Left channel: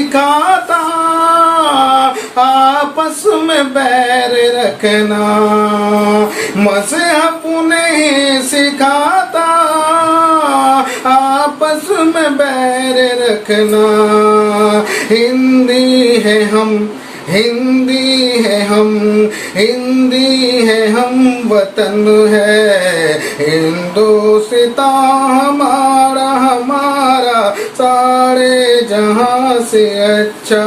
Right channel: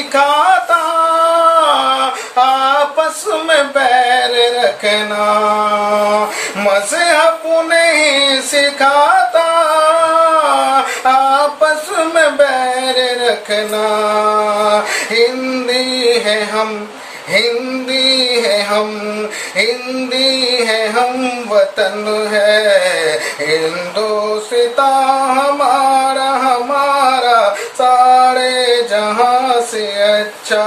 सिखाता, आपस में बैर रखना। मज़हब नहीं सिखाता, आपस में बैर रखना। हिंदी है हम, हिंदी है हम, हिंदी है हम, वतन है हिंदुस्तान हमारा, हमारा सारे जहां से अच्छा।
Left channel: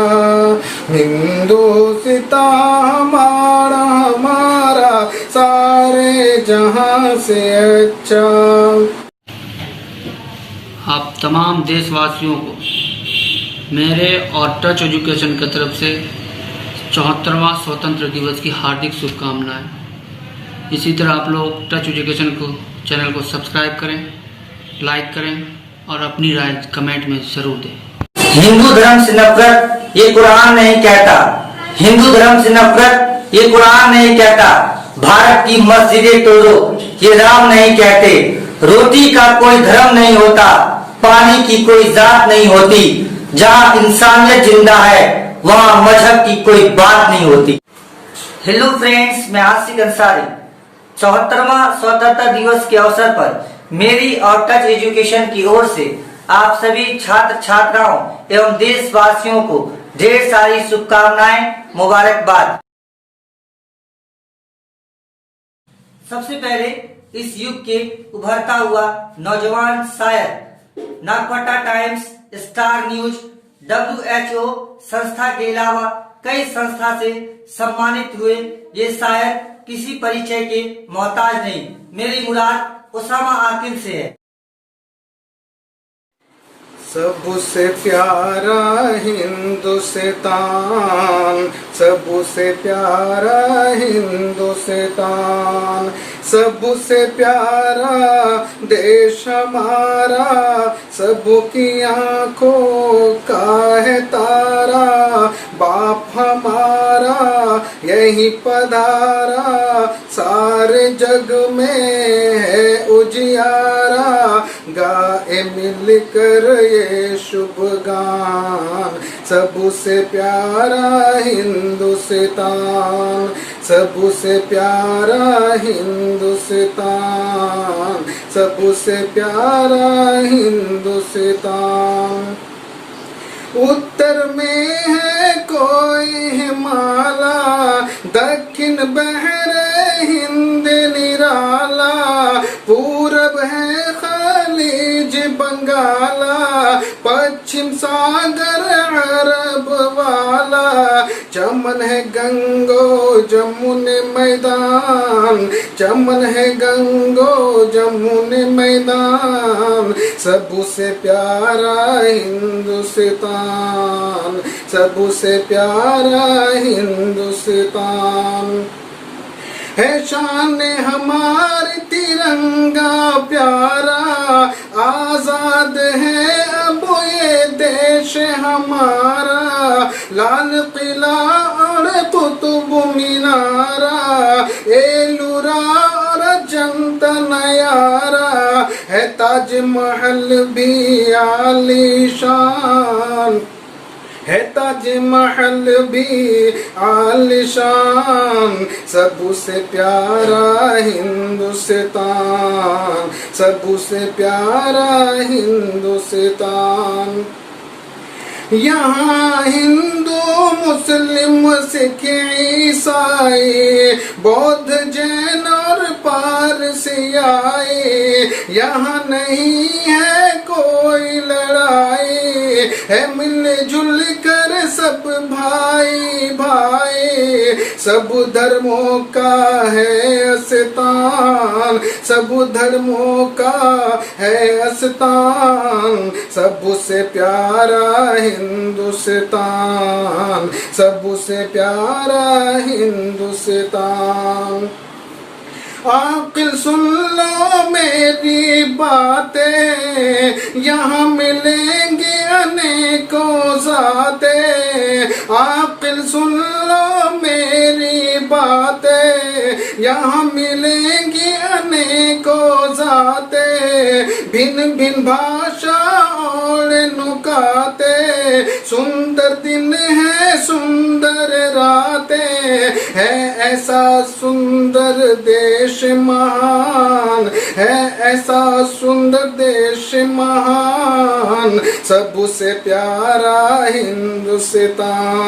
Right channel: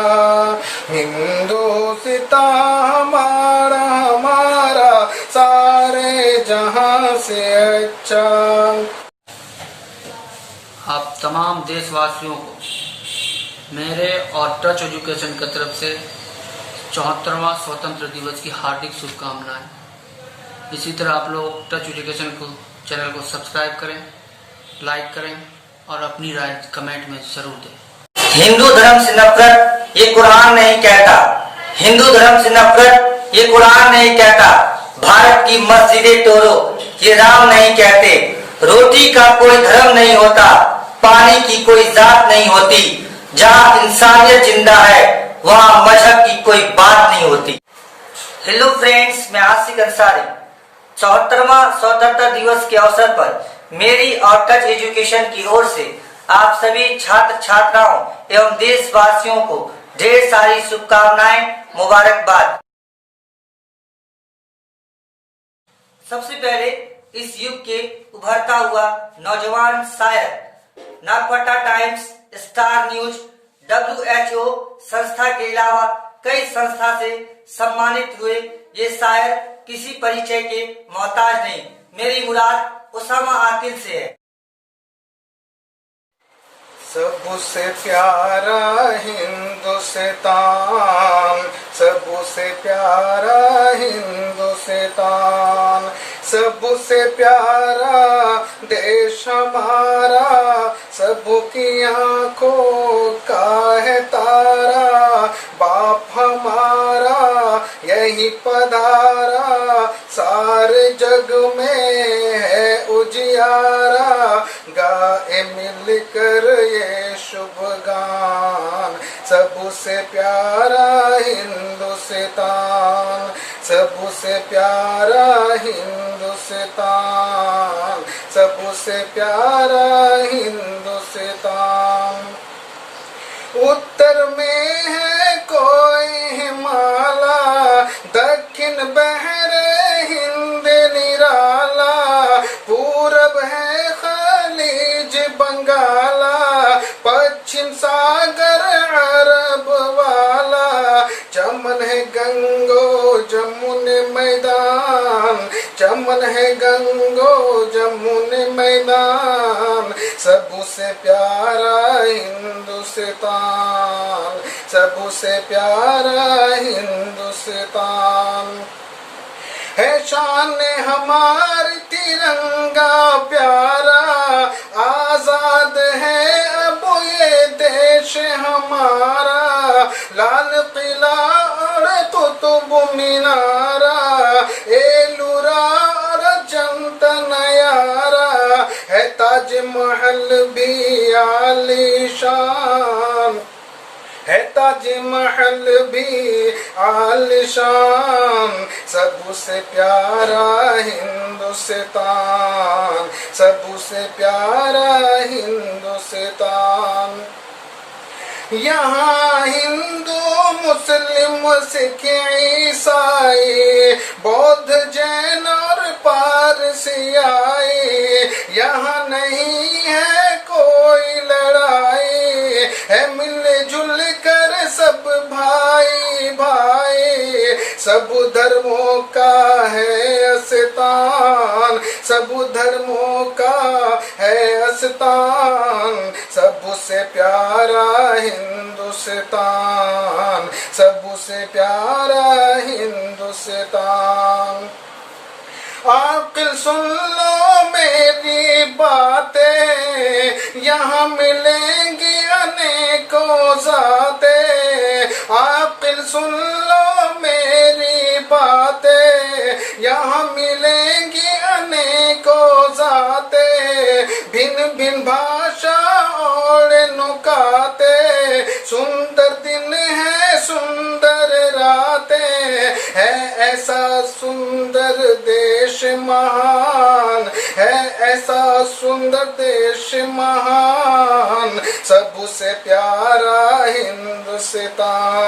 हिंदुस्तान हमारा, हमारा सारे जहां से अच्छा। आप तमाम देशवासियों को मेरे और टच एजुकेशन की तरफ से 74वां स्वतंत्र दिवस की हार्दिक शुभकामनाएं। इसी तरह आप लोग टच एजुकेशन को चैनल को सब्सक्राइब करें, लाइक करें और अपनी राय कमेंट में जरूर दें। हिंदू धर्म से नफरत ये कुरान नहीं कहता, हिंदू धर्म से नफरत ये कुरान नहीं कहता। भारत की मस्जिदें तोड़ो ये राम नहीं कहते। रोटी का कोई धर्म नहीं होता, पानी की कोई जात नहीं होती। जहाँ इंसानियत जिंदा है वहाँ मजहब की कोई बात नहीं होती। हेलो फ्रेंड्स, मैं आसिक अंसारी 74वां स्वतंत्रता दिवस के अवसर पर मेरी और टच एजुकेशन की ओर से आप सभी छात्र छात्राओं एवं देशवासियों को ढेर सारी शुभकामनाएं, मुबारकबाद। सबसे पहले इस युग के उभरता हुआ नौजवान शायर, नागपट्टा टाइम्स, स्टार न्यूज, WHO संस्था के अलावा कई संस्था से सम्मानित हुए ये शायर किसी परिचय के मोहताज नहीं। मेरी मुराद उसामा आकिल से है। सबसे प्यारा हिंदुस्तान, सबसे प्यारा हिंदुस्तान, सबसे प्यारा देश हमारा, सबकी आंखों का है तारा। बाप हमारा यही पधारा, सारे जग में है उजियारा। गाए मिलकर ये शुभ गान, सबसे प्यारा हिंदुस्तान, सबसे प्यारा हिंदुस्तान, सबसे प्यारा हिंदुस्तान। उत्तर में है कोई हिमाला, दक्षिण बहरे हिंद निराला, पूरब है खलीज बंगाला, पश्चिम सागर अरब वाला। चमन है गंगो जमुन मैदान, चमन है गंगो जमुन मैदान, सबसे प्यारा हिंदुस्तान, सबसे प्यारा हिंदुस्तान। है शान हमारी तिरंगा प्यारा, आजाद है अब ये देश हमारा। लाल किला और कुतुब मीनारा, एलुरा और जनता नयारा, है ताजमहल भी आलीशान, है ताजमहल भी आलिशान। सबसे प्यारा हिंदुस्तान, सबसे प्यारा हिंदुस्तान। यहाँ हिंदू मुस्लिम सिख ईसाई, बौद्ध जैन और पारसी आए। यहाँ नहीं है कोई लड़ाई, है मिलजुल कर सब भाई भाई। सब धर्मों का है अस्तान, सब धर्मों का है अस्तान। सबसे प्यारा हिंदुस्तान, सबसे प्यारा हिंदुस्तान। आकिल सुन लो मेरी बातें, यहाँ मिलेंगी अनेकों ज़ातें। आकिल सुन लो मेरी बातें, यहाँ मिलेंगी अनेकों ज़ातें। भिन्न भिन्न भाषा और नुकाते, सुंदर दिन है सुंदर रातें है, ऐसा सुंदर देश महान है, ऐसा सुंदर देश महान, सबसे प्यारा हिंदुस्तान,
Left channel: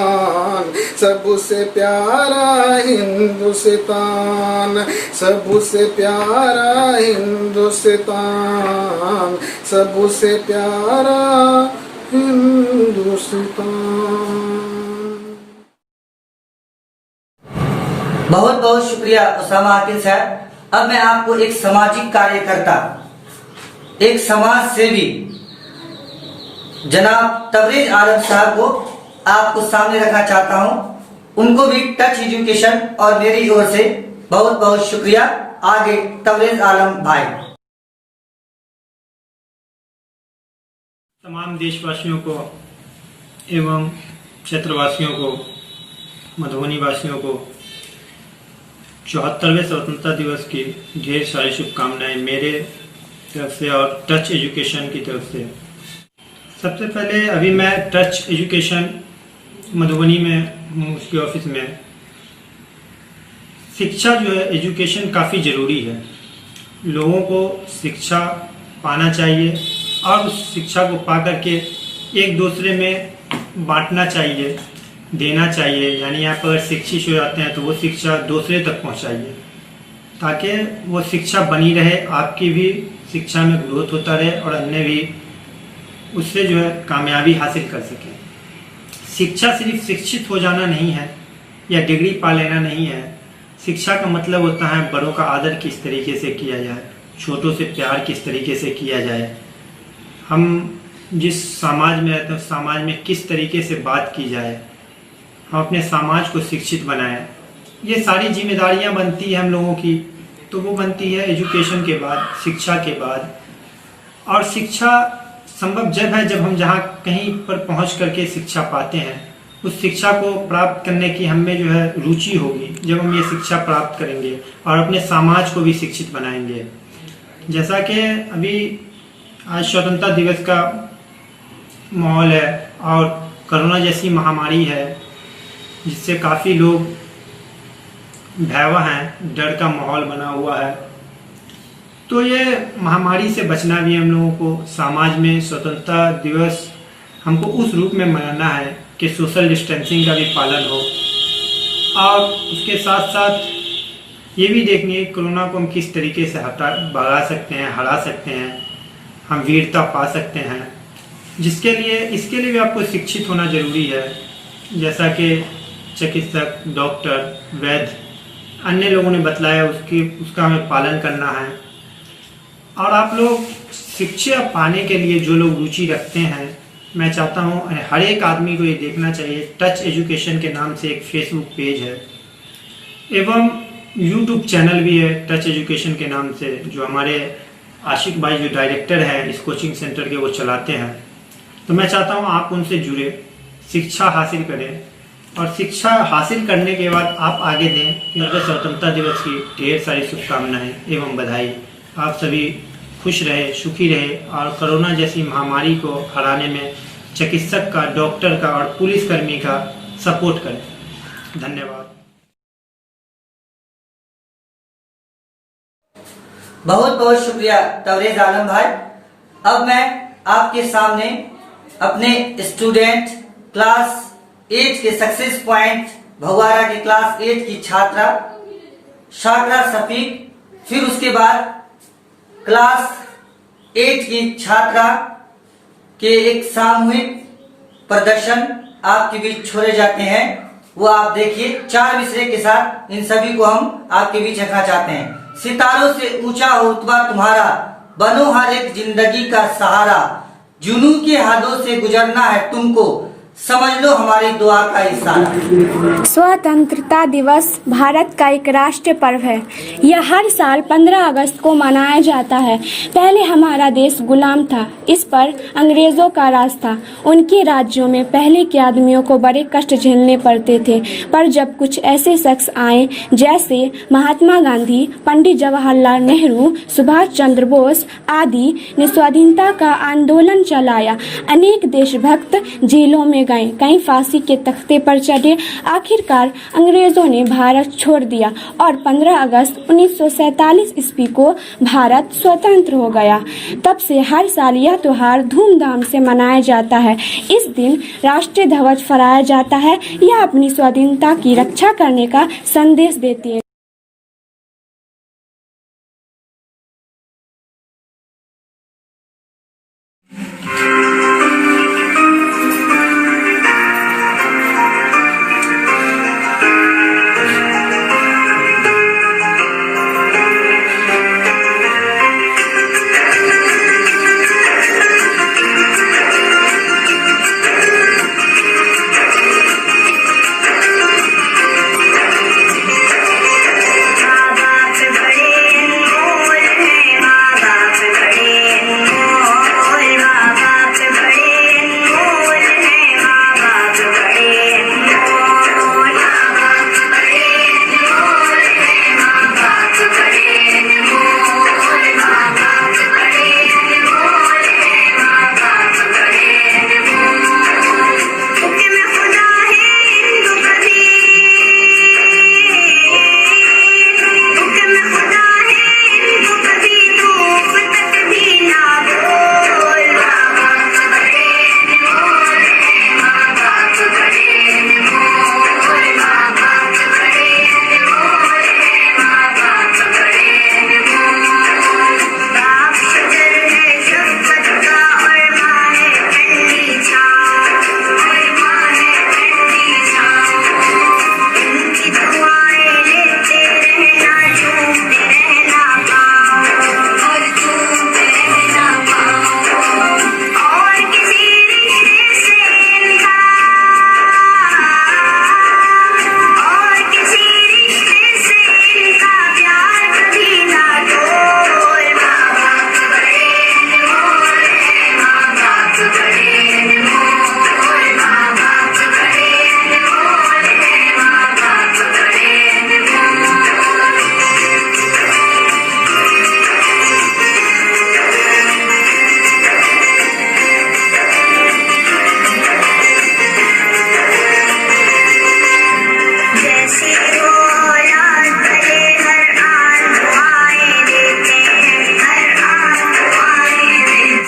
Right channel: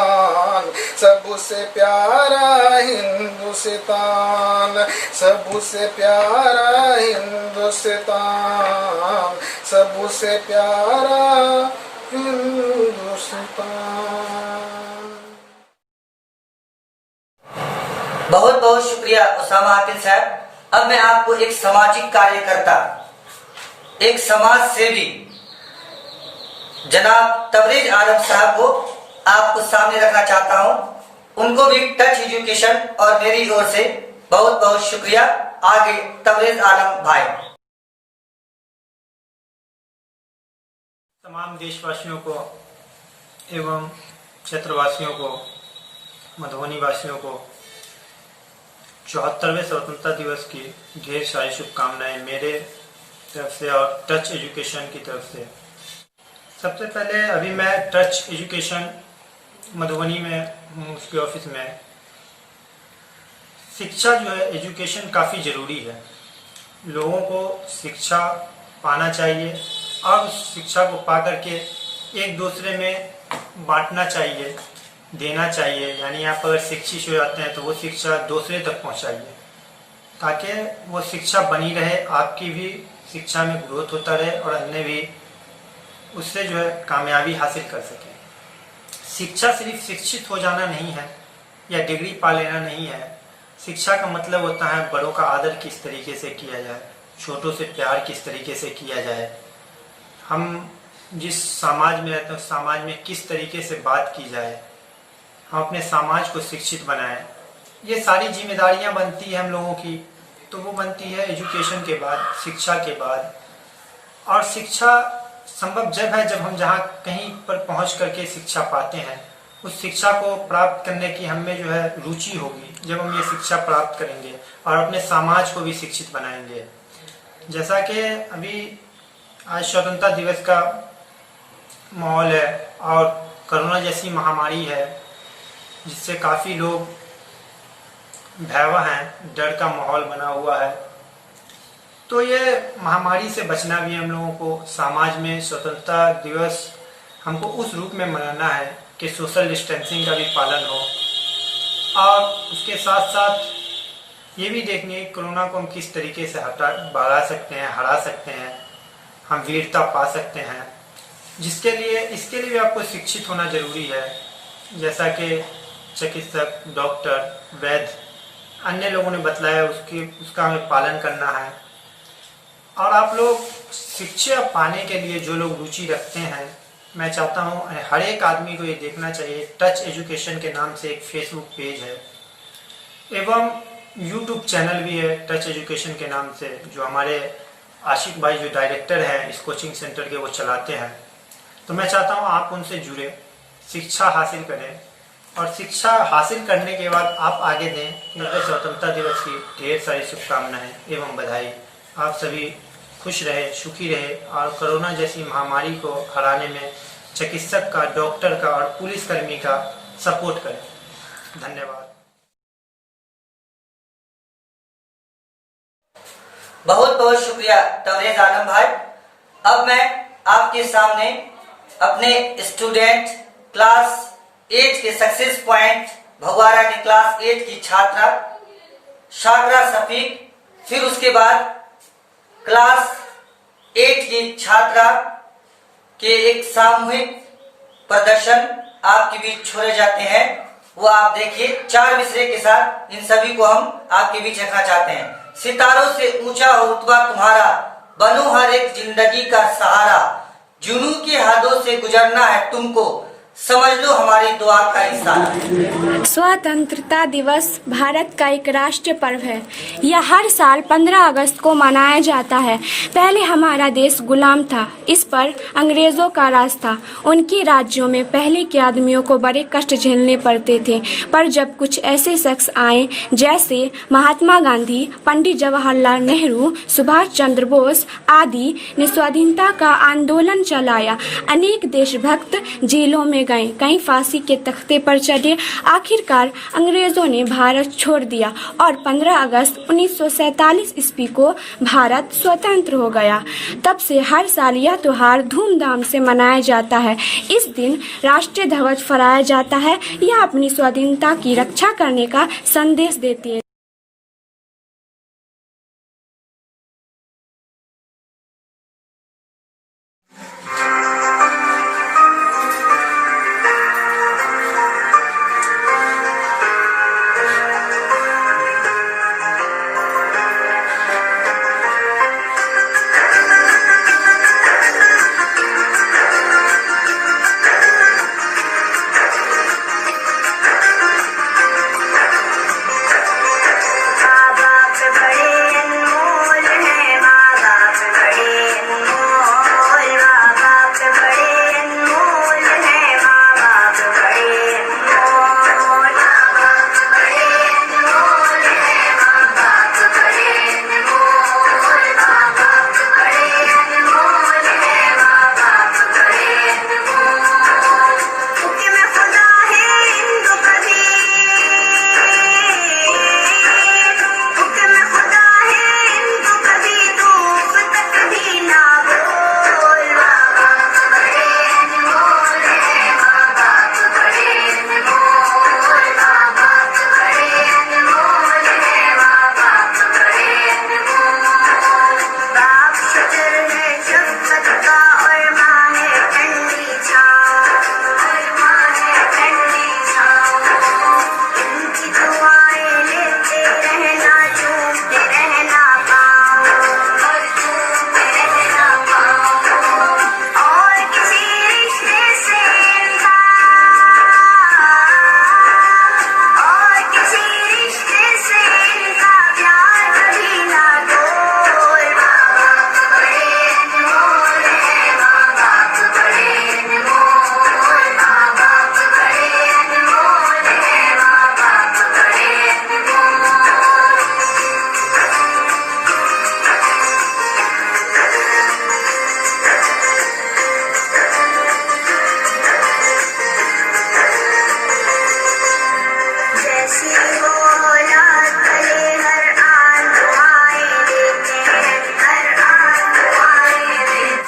सबसे प्यारा हिंदुस्तान, सबसे प्यारा हिंदुस्तान, सबसे प्यारा हिंदुस्तान। बहुत बहुत शुक्रिया उसामा आकिल साहब। अब मैं आपको एक सामाजिक कार्यकर्ता, एक समाज सेवी जनाब तबरेज आलम साहब को आपको सामने रखना चाहता हूं। उनको भी टच एजुकेशन और मेरी ओर से बहुत बहुत शुक्रिया। आगे तबरेज आलम भाई। तमाम देशवासियों को एवं क्षेत्रवासियों को, मधुबनी वासियों को 74वें स्वतंत्रता दिवस की ढेर सारी शुभकामनाएं मेरे तरफ से और टच एजुकेशन की तरफ से। सबसे पहले अभी मैं टच एजुकेशन मधुबनी में हूँ, उसके ऑफिस में। शिक्षा जो है, एजुकेशन काफ़ी ज़रूरी है। लोगों को शिक्षा पाना चाहिए और उस शिक्षा को पा करके एक दूसरे में बांटना चाहिए, देना चाहिए। यानी आप अगर शिक्षित हो जाते हैं तो वो शिक्षा दूसरे तक पहुंचाइए, ताकि वो शिक्षा बनी रहे, आपकी भी शिक्षा में ग्रोथ होता रहे और अन्य भी उससे जो है कामयाबी हासिल कर सके। शिक्षा सिर्फ शिक्षित हो जाना नहीं है या डिग्री पा लेना नहीं है। शिक्षा का मतलब होता है बड़ों का आदर किस तरीके से किया जाए, छोटों से प्यार किस तरीके से किया जाए, हम जिस समाज में रहते हैं उस समाज में किस तरीके से बात की जाए, हम अपने समाज को शिक्षित बनाएं। ये सारी जिम्मेदारियां बनती है हम लोगों की, तो वो बनती है एजुकेशन के बाद, शिक्षा के बाद। और शिक्षा संभव जब है जब हम जहाँ कहीं पर पहुंच करके शिक्षा पाते हैं, उस शिक्षा को प्राप्त करने की हमें जो है रुचि होगी जब हम ये शिक्षा प्राप्त करेंगे और अपने समाज को भी शिक्षित बनाएंगे। जैसा कि अभी आज स्वतंत्रता दिवस का माहौल है और कोरोना जैसी महामारी है जिससे काफ़ी लोग भयावह हैं, डर का माहौल बना हुआ है। तो ये महामारी से बचना भी हम लोगों को समाज में स्वतंत्रता दिवस हमको उस रूप में मनाना है कि सोशल डिस्टेंसिंग का भी पालन हो और उसके साथ साथ ये भी देखनी है कोरोना को हम किस तरीके से भगा सकते हैं, हरा सकते हैं, हम वीरता पा सकते हैं। इसके लिए भी आपको शिक्षित होना जरूरी है। जैसा कि चिकित्सक, डॉक्टर, वैद्य, अन्य लोगों ने बतलाया उसका हमें पालन करना है। और आप लोग शिक्षा पाने के लिए जो लोग रुचि रखते हैं, मैं चाहता हूं हर एक आदमी को ये देखना चाहिए। टच एजुकेशन के नाम से एक फेसबुक पेज है एवं यूट्यूब चैनल भी है टच एजुकेशन के नाम से, जो हमारे आशिक भाई जो डायरेक्टर हैं इस कोचिंग सेंटर के, वो चलाते हैं। तो मैं चाहता हूं आप उनसे जुड़े, शिक्षा हासिल करें और शिक्षा हासिल करने के बाद आप आगे दें। मकर स्वतंत्रता दिवस की ढेर सारी शुभकामनाएं एवं बधाई। आप सभी खुश रहे, सुखी रहे और कोरोना जैसी महामारी को हराने में चिकित्सक का, डॉक्टर का और पुलिसकर्मी का सपोर्ट करें। धन्यवाद। बहुत बहुत शुक्रिया तबरेज आलम भाई। अब मैं आपके सामने अपने स्टूडेंट क्लास 8 के सक्सेस पॉइंट भगवारा के क्लास 8 की छात्रा शाकरा शफीक, फिर उसके बाद क्लास 8 की छात्रा के एक सामूहिक प्रदर्शन आपके बीच छोड़े जाते हैं। वो आप देखिए 4 मिसरे के साथ इन सभी को हम आपके बीच रखना चाहते हैं। सितारों से ऊंचा हो रुतबा तुम्हारा, बनो हर एक जिंदगी का सहारा, जुनू के हाथों से गुजरना है तुमको, समझ लो हमारी दुआ का इशारा। स्वतंत्रता दिवस भारत का एक राष्ट्रीय पर्व है। यह हर साल 15 अगस्त को मनाया जाता है। पहले हमारा देश गुलाम था, इस पर अंग्रेजों का राज था। उनके राज्यों में पहले के आदमियों को बड़े कष्ट झेलने पड़ते थे, पर जब कुछ ऐसे शख्स आए जैसे महात्मा गांधी, पंडित जवाहरलाल नेहरू, सुभाष चंद्र बोस आदि ने स्वाधीनता का आंदोलन चलाया। अनेक देशभक्त जेलों में गए, कई फांसी के तख्ते पर चढ़े। आखिरकार अंग्रेजों ने भारत छोड़ दिया और 15 अगस्त 1947 ईस्वी को भारत स्वतंत्र हो गया। तब से हर साल यह त्योहार धूमधाम से मनाया जाता है। इस दिन राष्ट्रीय ध्वज फहराया जाता है। यह अपनी स्वाधीनता की रक्षा करने का संदेश देती है।